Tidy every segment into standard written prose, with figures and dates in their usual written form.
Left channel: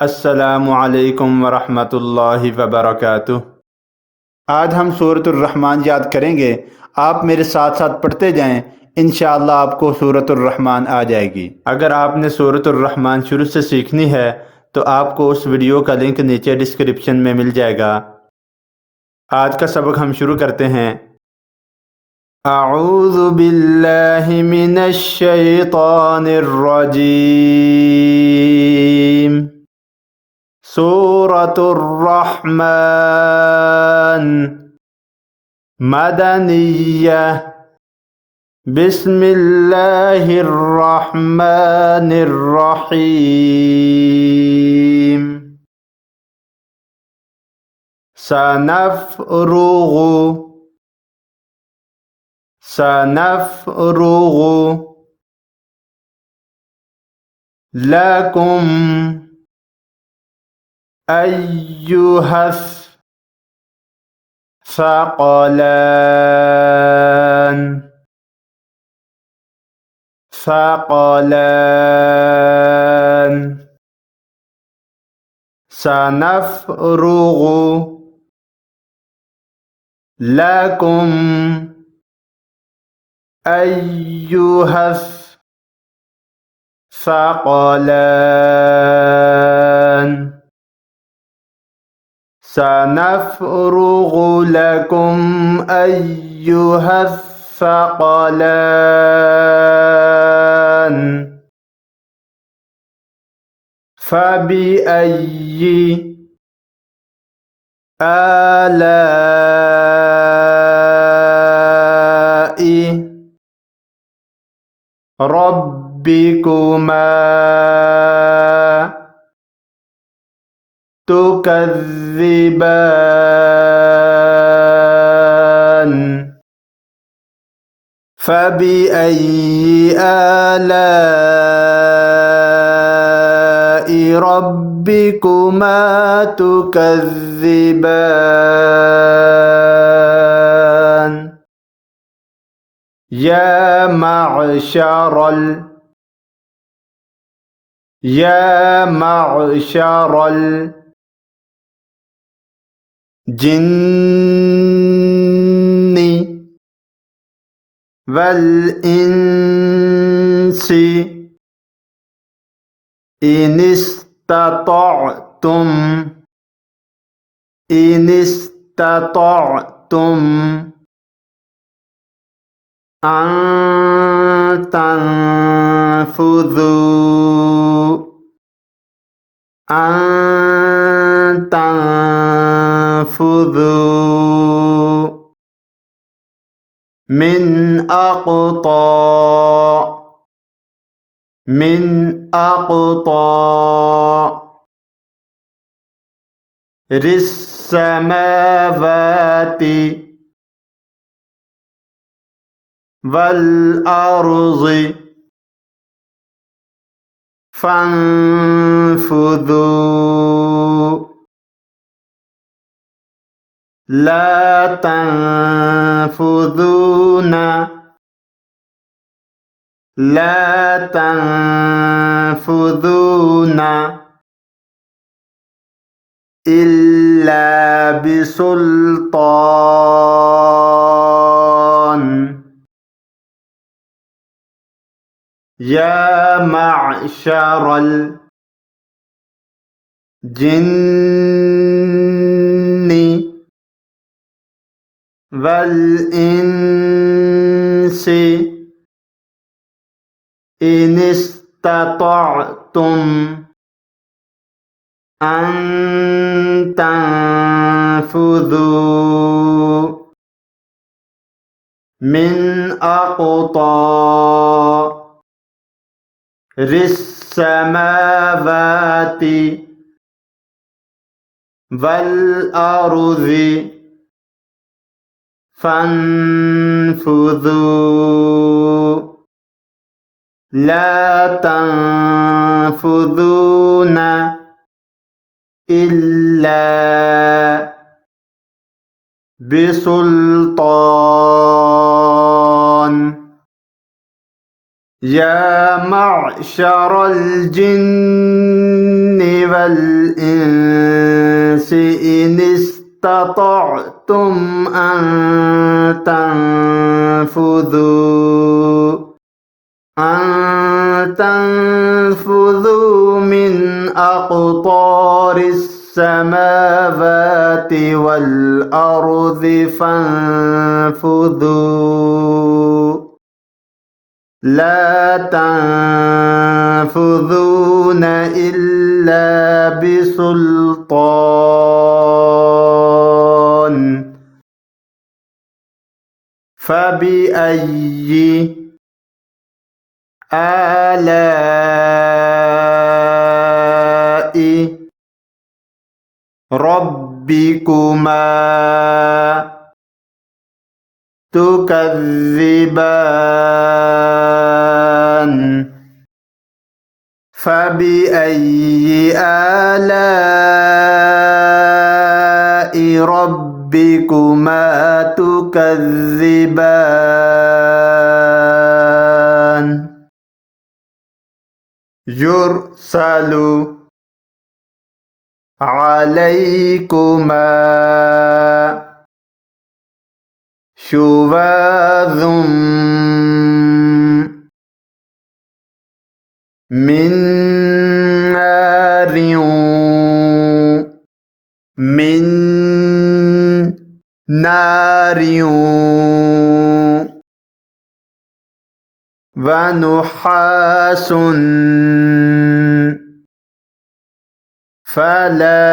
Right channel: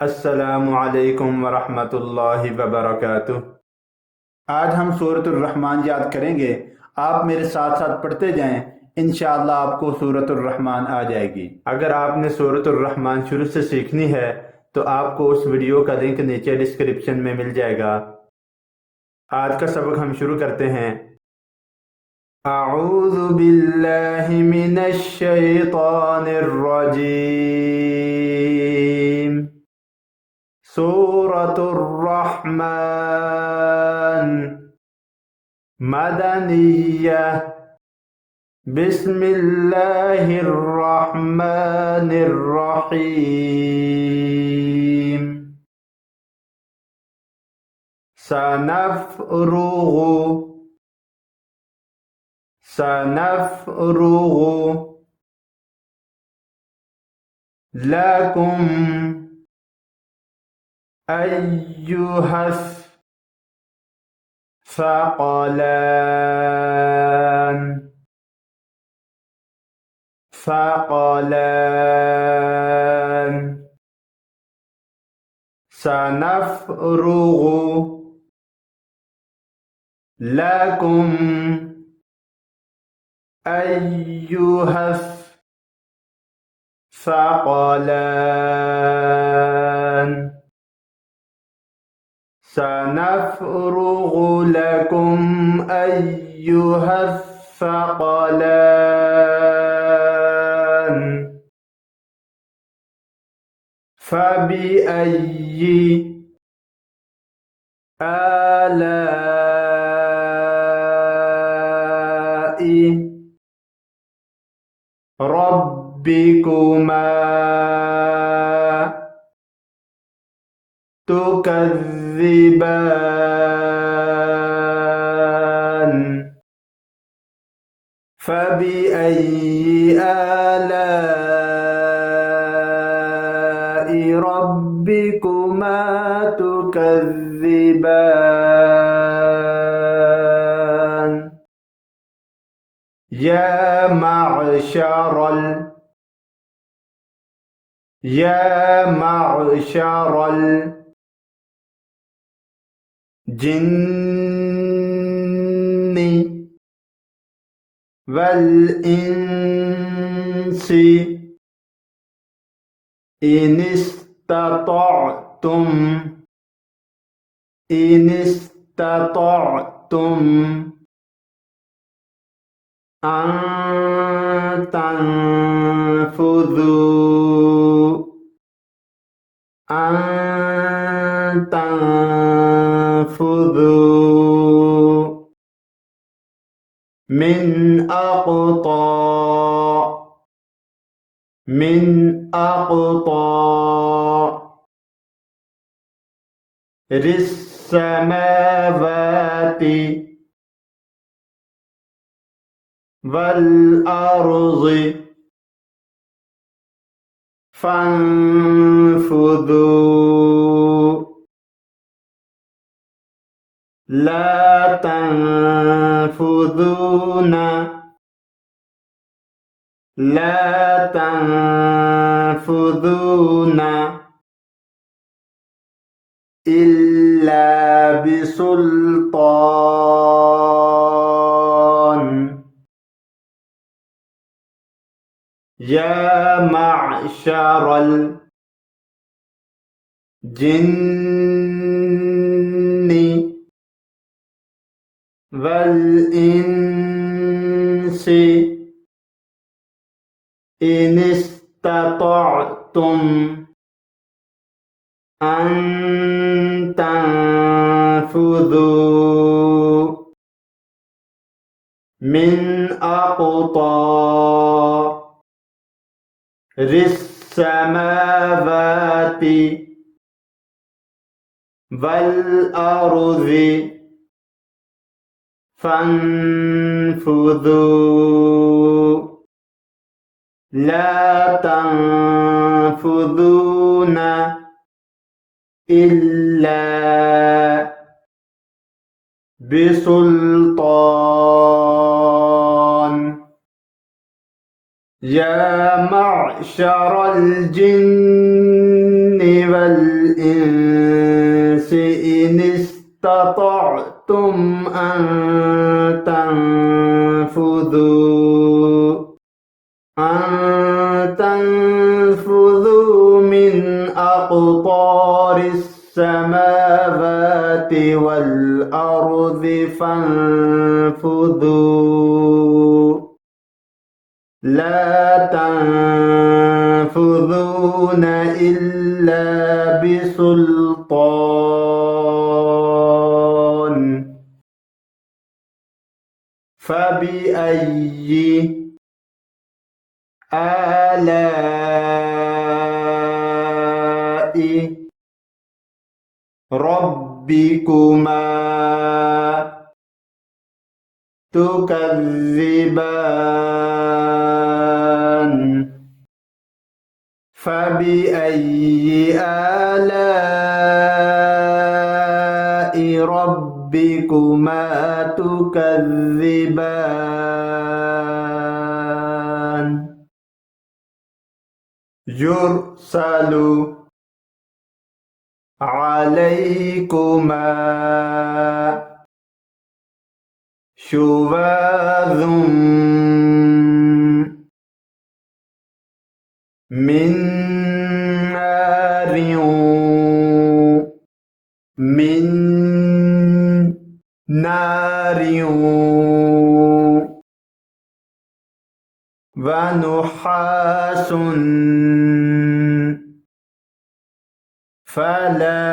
अस्सलामु अलैकुम वरहमतुल्लाहि वबरकातुह। आज हम सूरत रहमान याद करेंगे। आप मेरे साथ साथ पढ़ते जाएं, इंशाअल्लाह आपको सूरत रहमान आ जाएगी। अगर आपने सूरत रहमान शुरू से सीखनी है तो आपको उस वीडियो का लिंक नीचे डिस्क्रिप्शन में मिल जाएगा। आज का सबक हम शुरू करते हैं। अऊज़ु बिल्लाहि मिनश शैतानिर रजीम। सूरतुर रहमान मदनिय्यह। बिस्मिल्लाहिर रहमानिर रहीम। सनफ़्रुगु सनफ़्रुगु लकुम अय्युहस सक़लान सक़लान। सनफ़्रुगु लकुम अय्युहस सक़लान। सनफ़्रुगु लकुम अय्युहस सक़लान। फ़बिअय्यि आलाइ रब्बिकुमा तुकज़्ज़िबान। फ़बिअय्यि आलाइ रब्बिकुमा तुकज़्ज़िबान। या मअशरल जिन्नि वल इंसी इनिस्ततअतुम अन तनफुज़ू मिन अक़तारिस्समावाति वल अर्ज़ि फंफुज़ू ला तंफुज़ून इल्ला बिसुल्तान। या मअशरल जिन्नि वल इंसी इनिस्ततअतुम अन तनफुज़ू मिन अक़तारिस्समावाति वल अर्ज़ि फंफुज़ू ला तंफुज़ून इल्ला बिसुल्तान। या मअशरल जिन्नि वल استطعتم أن تنفذوا من أقطار السماوات والأرض فانفذوا لا تنفذون إلا بسلطان فبأي آلاء ربكما تكذبان فبأي آلاء ربكما تكذبان يرسل عليكما شواظ من نار من نار ونحاس فلا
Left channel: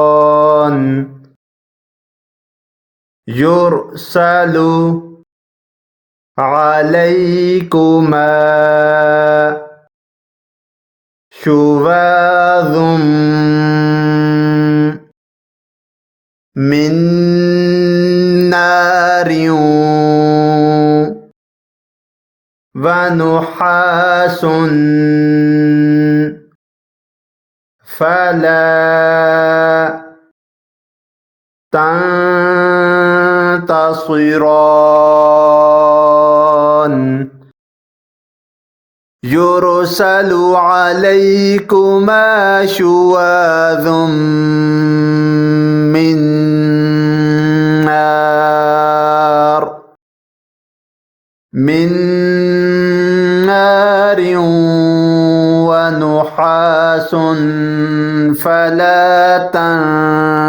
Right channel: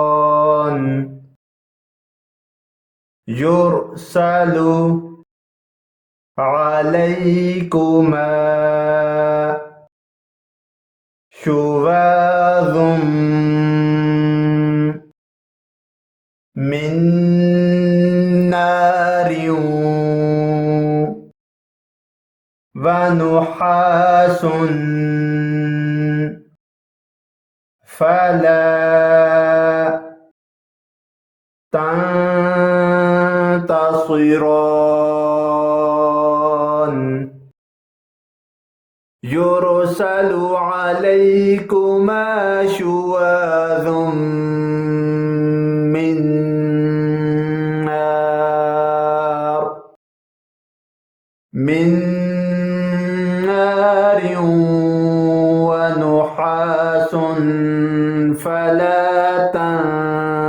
تنتصران يرسل عليكما شواظ من نار ونحاس فلا تنتصران يرسل عليكما شواظ من نار ونحاس فلا تنتصران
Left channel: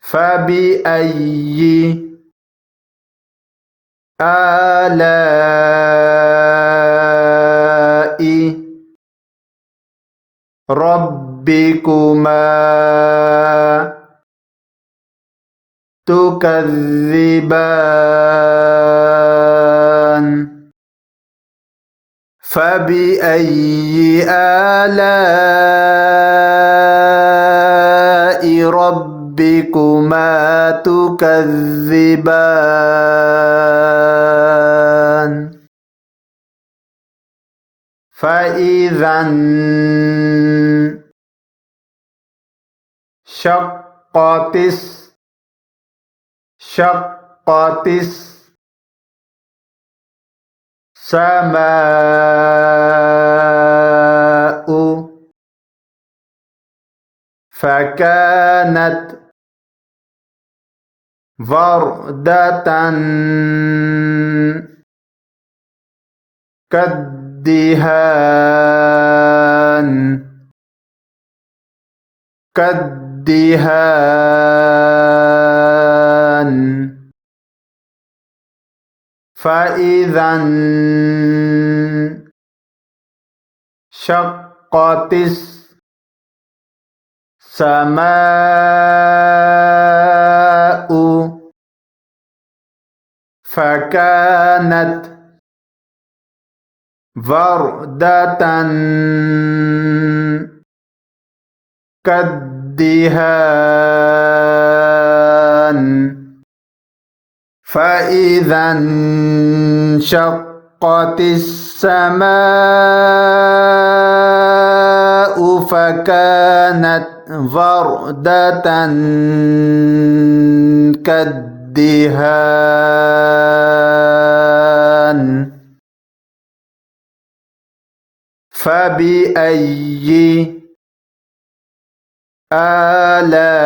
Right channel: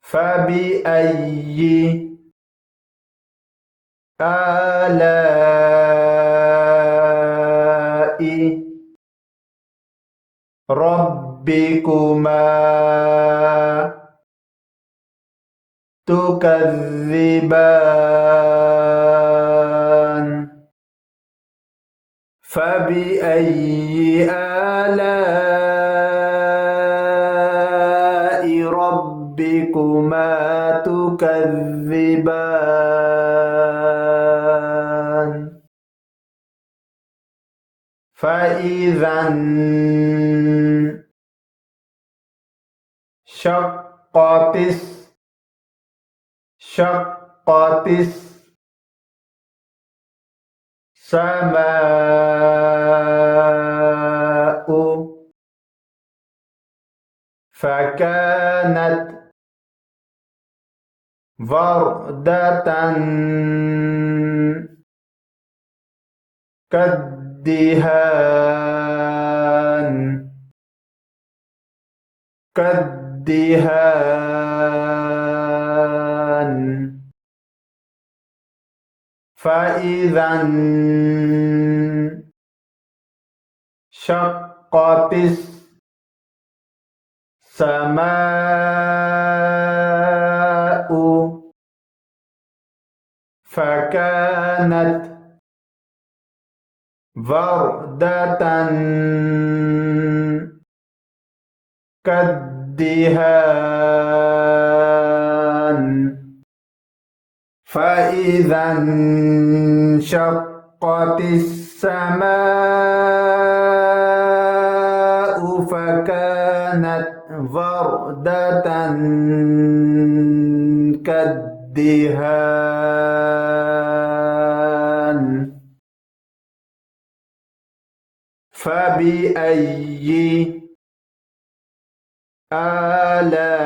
فبأي آلاء ربكما تكذبان فبأي آلاء ربكما تكذبان فإذا انشقت السماء فكانت وردة كالدهان فإذا انشقت السماء فكانت وردة كالدهان فإذا انشقت السماء فكانت وردة كالدهان فبأي آلاء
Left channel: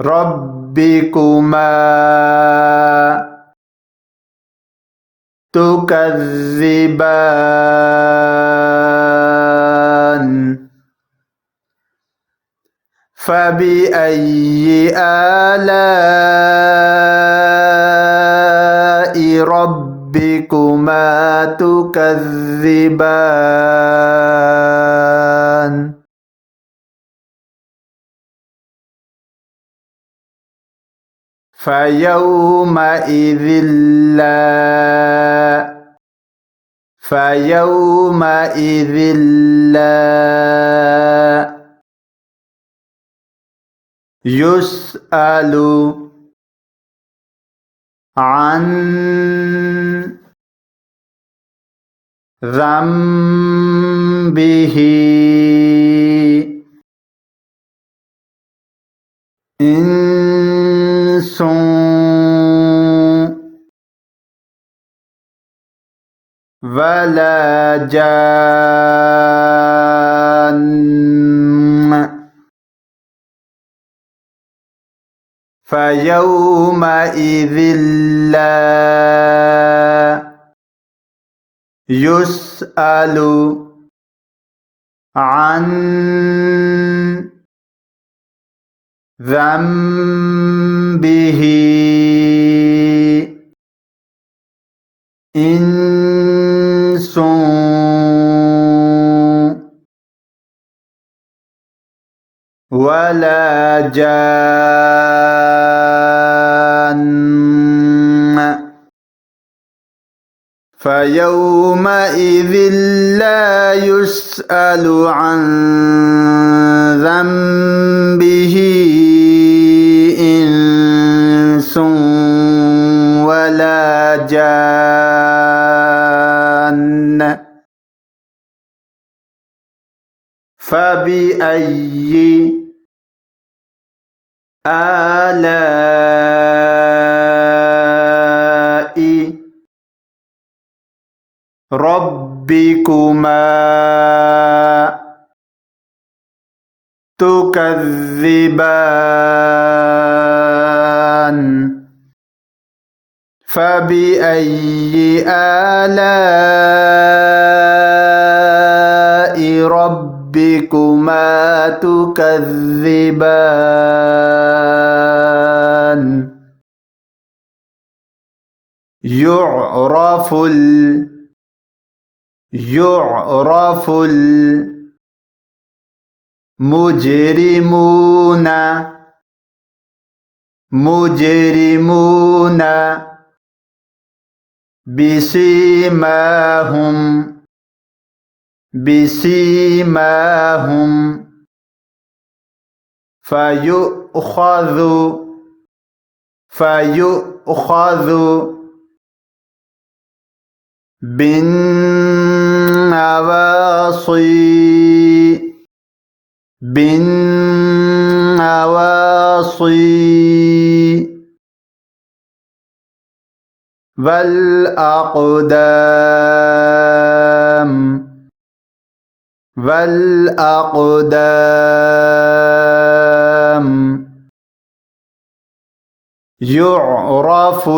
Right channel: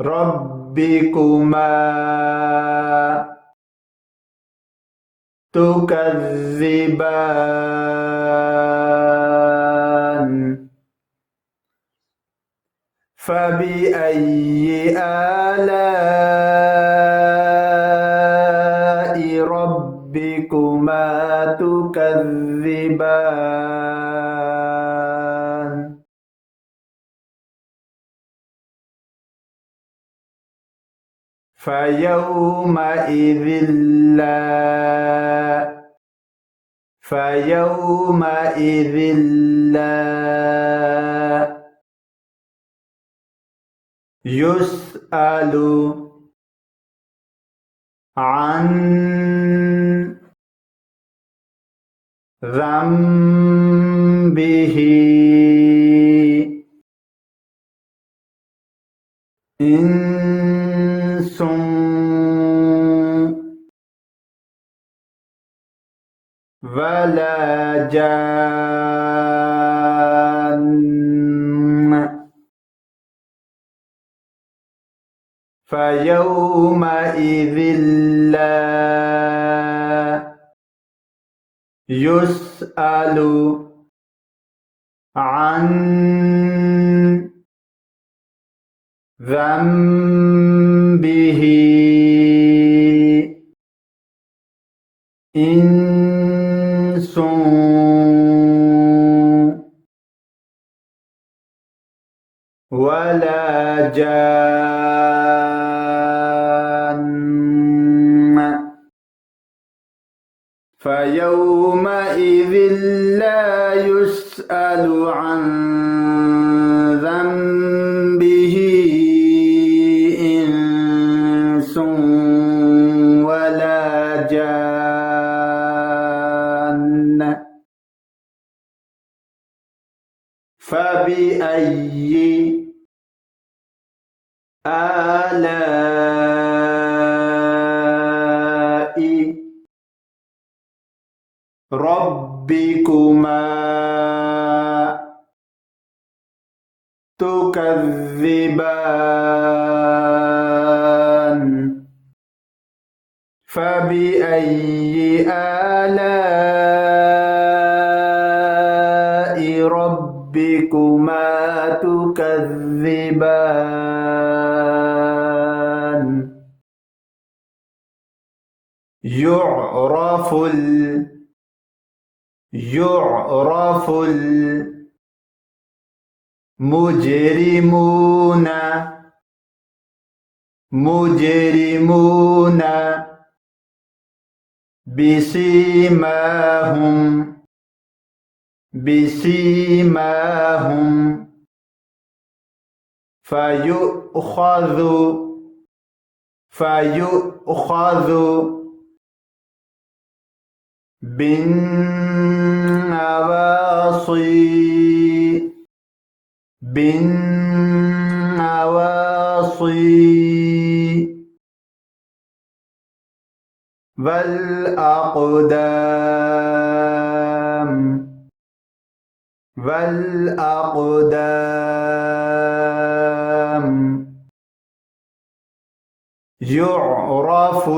ربكما تكذبان فبأي آلاء ربكما تكذبان فيومئذ لا يسأل عن ذنبه إنس ولا جان فيومئذ لا يسأل عن ذنبه إنس ولا جان فيومئذ لا يسأل عن ذنبه إنس ولا جان فبأي آلاء ربكما تكذبان فبأي آلاء ربكما تكذبان يعرف المجرمون بسيماهم فيؤخذ بالنواصي والأقدام يعرف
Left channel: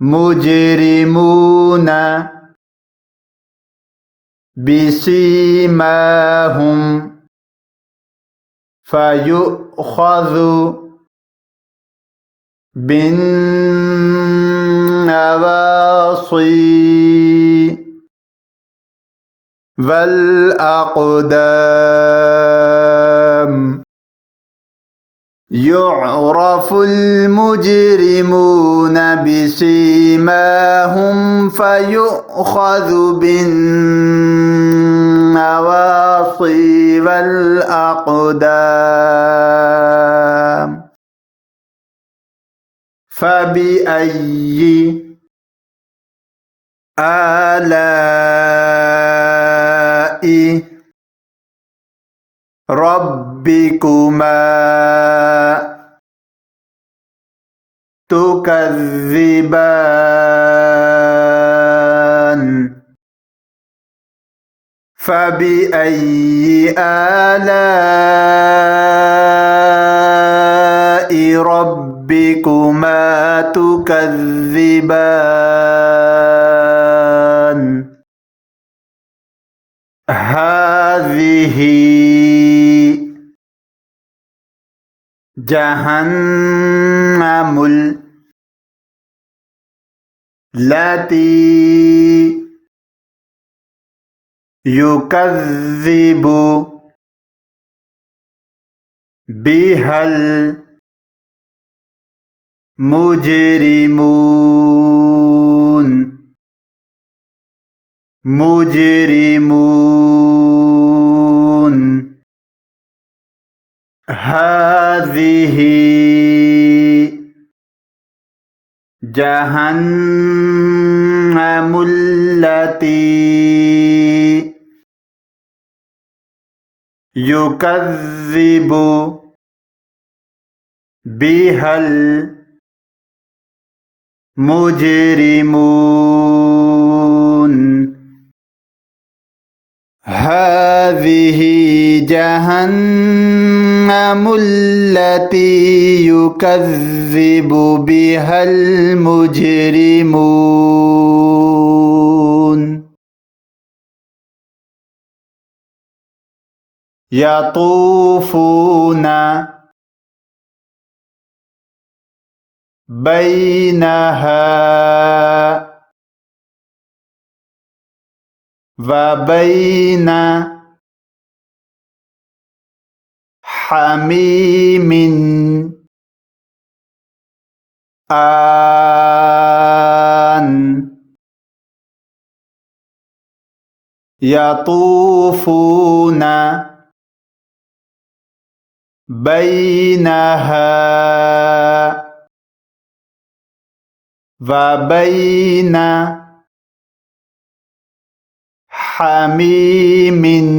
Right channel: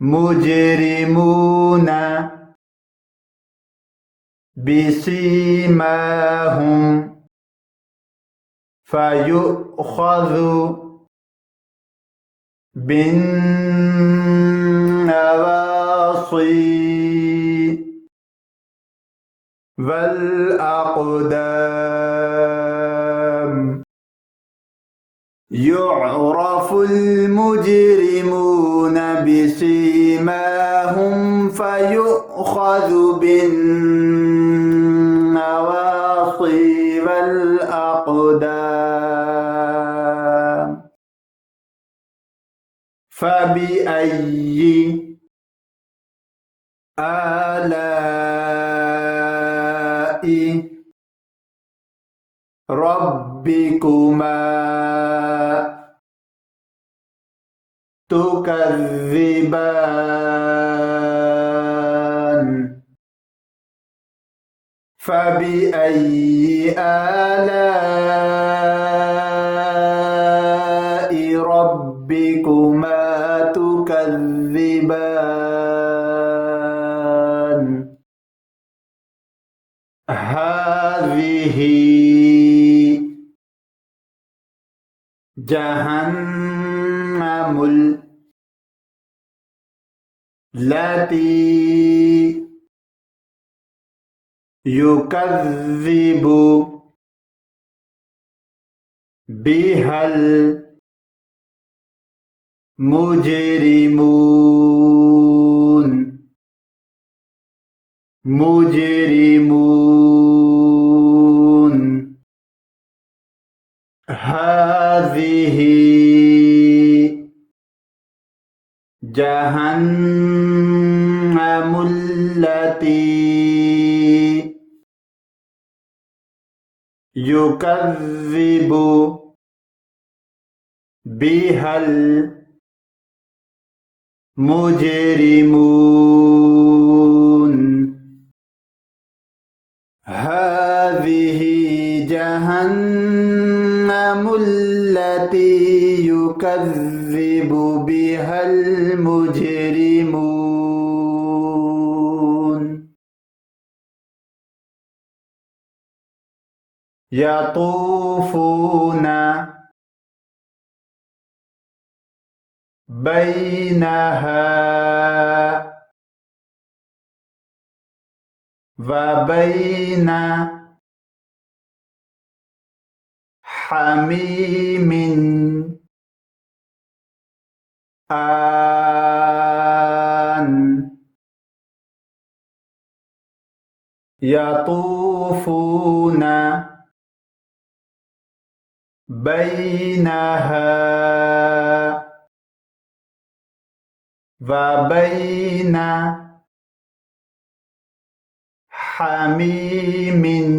المجرمون بسيماهم فيؤخذ بالنواصي والأقدام يعرف المجرمون بسيماهم فيؤخذ بالنواصي والأقدام फबिअय्यि आलाइ रब्बिकुमा तुकज़्ज़िबान फबिअय्यि आलाइ रब्बिकुमा तुकज़्ज़िबान हाज़िही जहन्नमुल लती युकज़्ज़िबु बिहल मुजरिमून मुजरिमून हाज़िही जहन्नमुल लती युकज़्ज़िबु बिहल मुजरिमून हाज़िही जहन्नमुल लती युकज़्ज़िबु बिहल मुजरिमून यतूफ़ूना बैनहा व बैन हमीमिन आन यतूफ़ूना बैनहा व बैन हमीमिन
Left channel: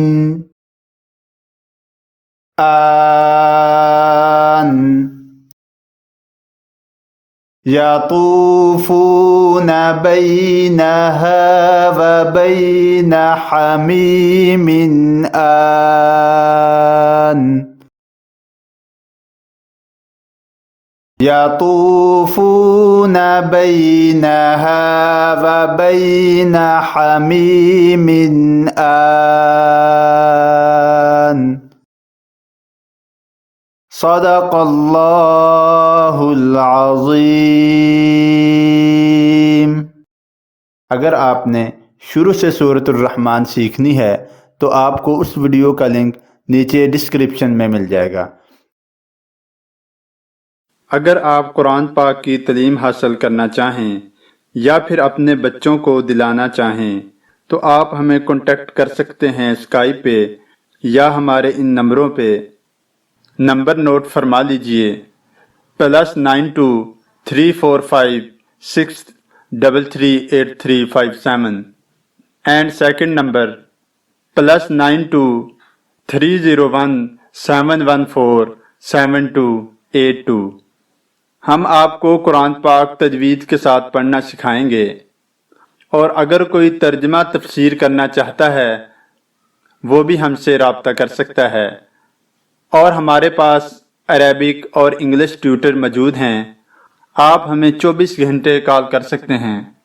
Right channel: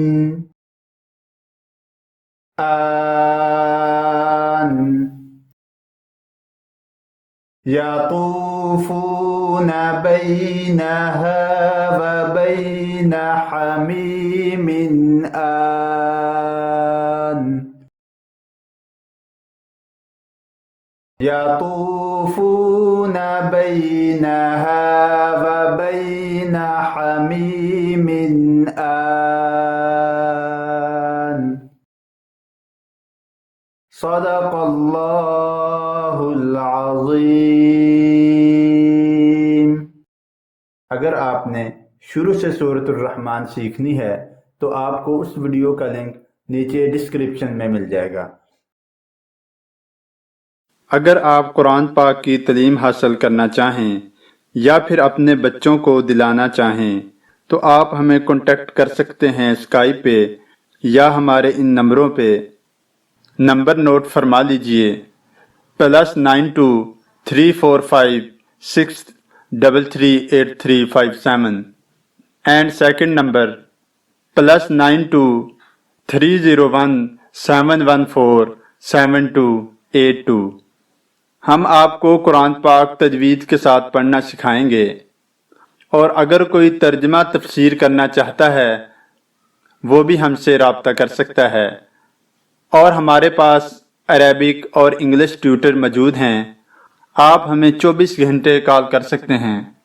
आन यतूफ़ून बैनहा व बैन हमीमिन आन यतूफ़ून बैनहा व बैन हमीमिन आन सदक़ल्लाहुल अज़ीम। अगर आपने शुरू से सूरत ar-रहमान सीखनी है तो आपको उस वीडियो का लिंक नीचे डिस्क्रिप्शन में मिल जाएगा। अगर आप कुरान पाक की तालीम हासिल करना चाहें या फिर अपने बच्चों को दिलाना चाहें तो आप हमें कांटेक्ट कर सकते हैं स्काइप पे या हमारे इन नंबरों पे। नंबर नोट फरमा लीजिए +923456338357 एंड सेकंड नंबर +923017147282। हम आपको कुरान पाक तजवीद के साथ पढ़ना सिखाएंगे और अगर कोई तर्जमा तफसीर करना चाहता है वो भी हमसे राब्ता कर सकता है। और हमारे पास अरेबिक और इंग्लिश ट्यूटर मौजूद हैं। आप हमें 24 घंटे कॉल कर सकते हैं।